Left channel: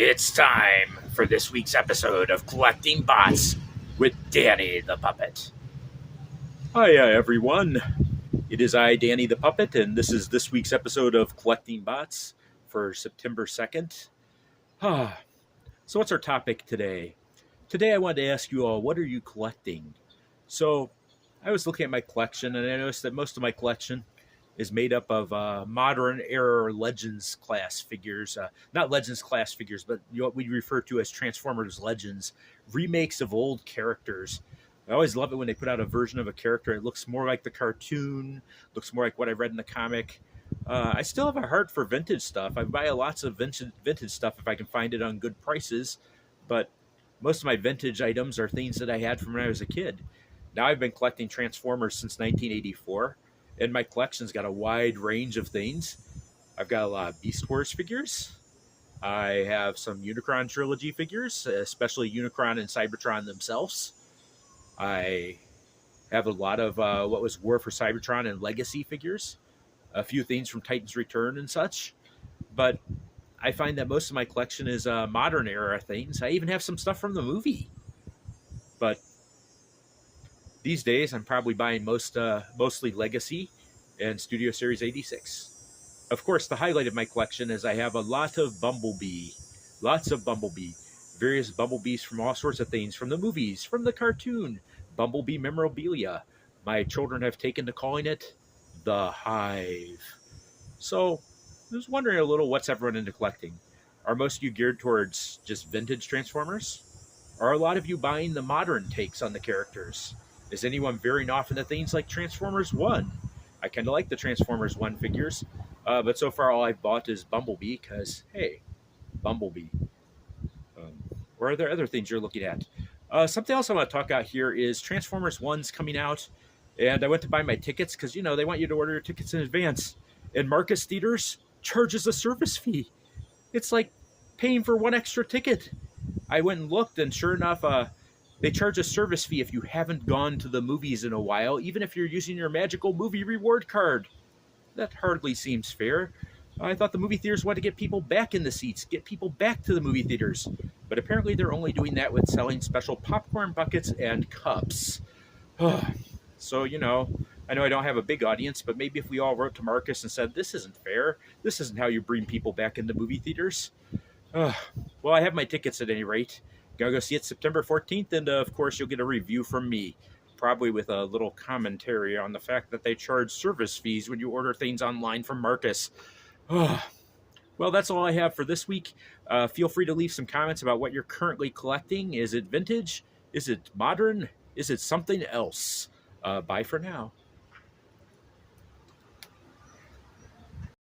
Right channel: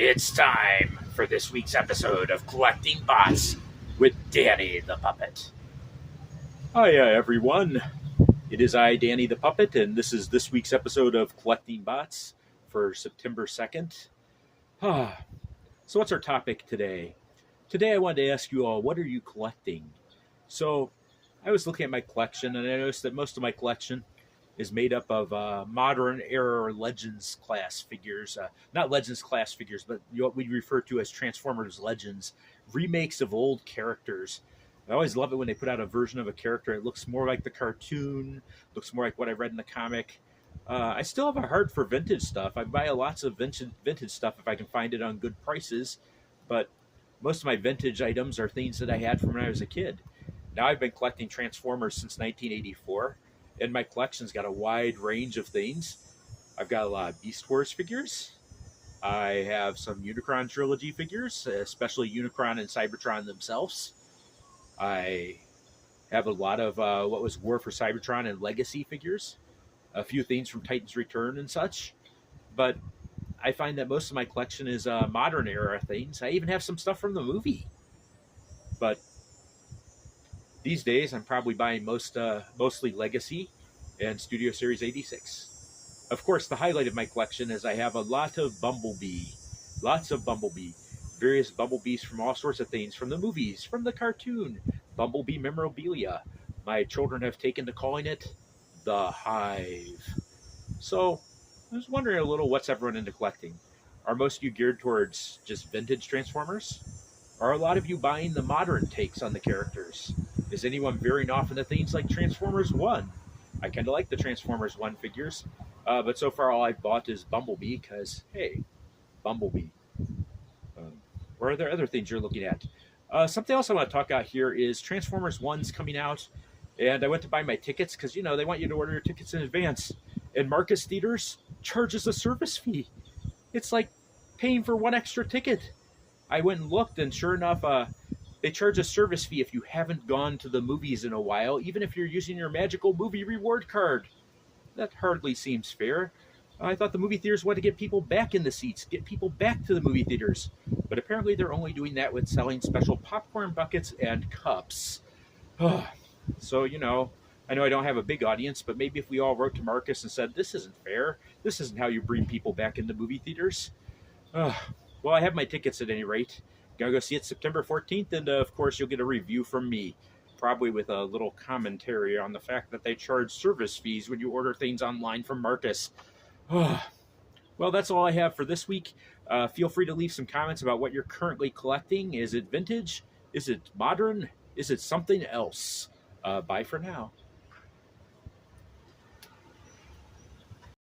It's time for this week's episode of Collecting Bots with Danny the Puppet. Hi, everyone. It is I, Danny the Puppet, and this is this week's episode of Collecting Bots for September 2nd. So, what's our topic today? Today, I wanted to ask you all, what are you collecting? So, I was looking at my collection, and I noticed that most of my collection is made up of modern era Legends class figures. Not Legends class figures, but what we refer to as Transformers Legends, remakes of old characters. I always love it when they put out a version of a character. It looks more like the cartoon, looks more like what I read in the comic. I still have a heart for vintage stuff. I buy lots of vintage stuff if I can find it on good prices, but most of my vintage items are things that I had from when I was a kid. Now I've been collecting Transformers since 1984, and my collection's got a wide range of things. I've got a lot of Beast Wars figures. I have some Unicron trilogy figures, especially Unicron and Cybertron themselves. I have a lot of what was War for Cybertron and Legacy figures, a few things from Titan's Return and such. But I find that most of my collection is modern era things. I even have some stuff from the movie. But these days, I'm probably buying mostly Legacy and Studio Series 86. Of course, the highlight of my collection is I have a lot of Bumblebee. Lots of Bumblebee. Various Bumblebees from all sorts of things, from the movies, from the cartoon. Bumblebee memorabilia. My children have taken to calling it the Hive. So, I was wondering a little, what's everyone into collecting? Are most of you geared towards just vintage Transformers? Are a lot of you buying the modern takes on the characters? Is anyone veering off into things like Transformers 1? I kind of like the Transformers 1 figures, but so far all I've bought is Bumblebee, because, hey, Bumblebee. Or are there other things you're looking at? Something else I want to talk about here is Transformers 1's coming out, and I went to buy my tickets, because, you know, they want you to order your tickets in advance, and Marcus Theaters charges a service fee. It's like paying for one extra ticket. I went and looked, and sure enough, they charge a service fee if you haven't gone to the movies in a while, even if you're using your magical movie reward card. That hardly seems fair. I thought the movie theaters wanted to get people back in the seats, get people back to the movie theaters. But apparently they're only doing that with selling special popcorn buckets and cups. So, you know I don't have a big audience, but maybe if we all wrote to Marcus and said, this isn't fair, this isn't how you bring people back into movie theaters. Well, I have my tickets at any rate. Gonna go see it September 14th, and of course you'll get a review from me, probably with a little commentary on the fact that they charge service fees when you order things online from Marcus. Well, that's all I have for this week. Feel free to leave some comments about what you're currently collecting. Is it vintage? Is it modern? Is it something else? Bye for now.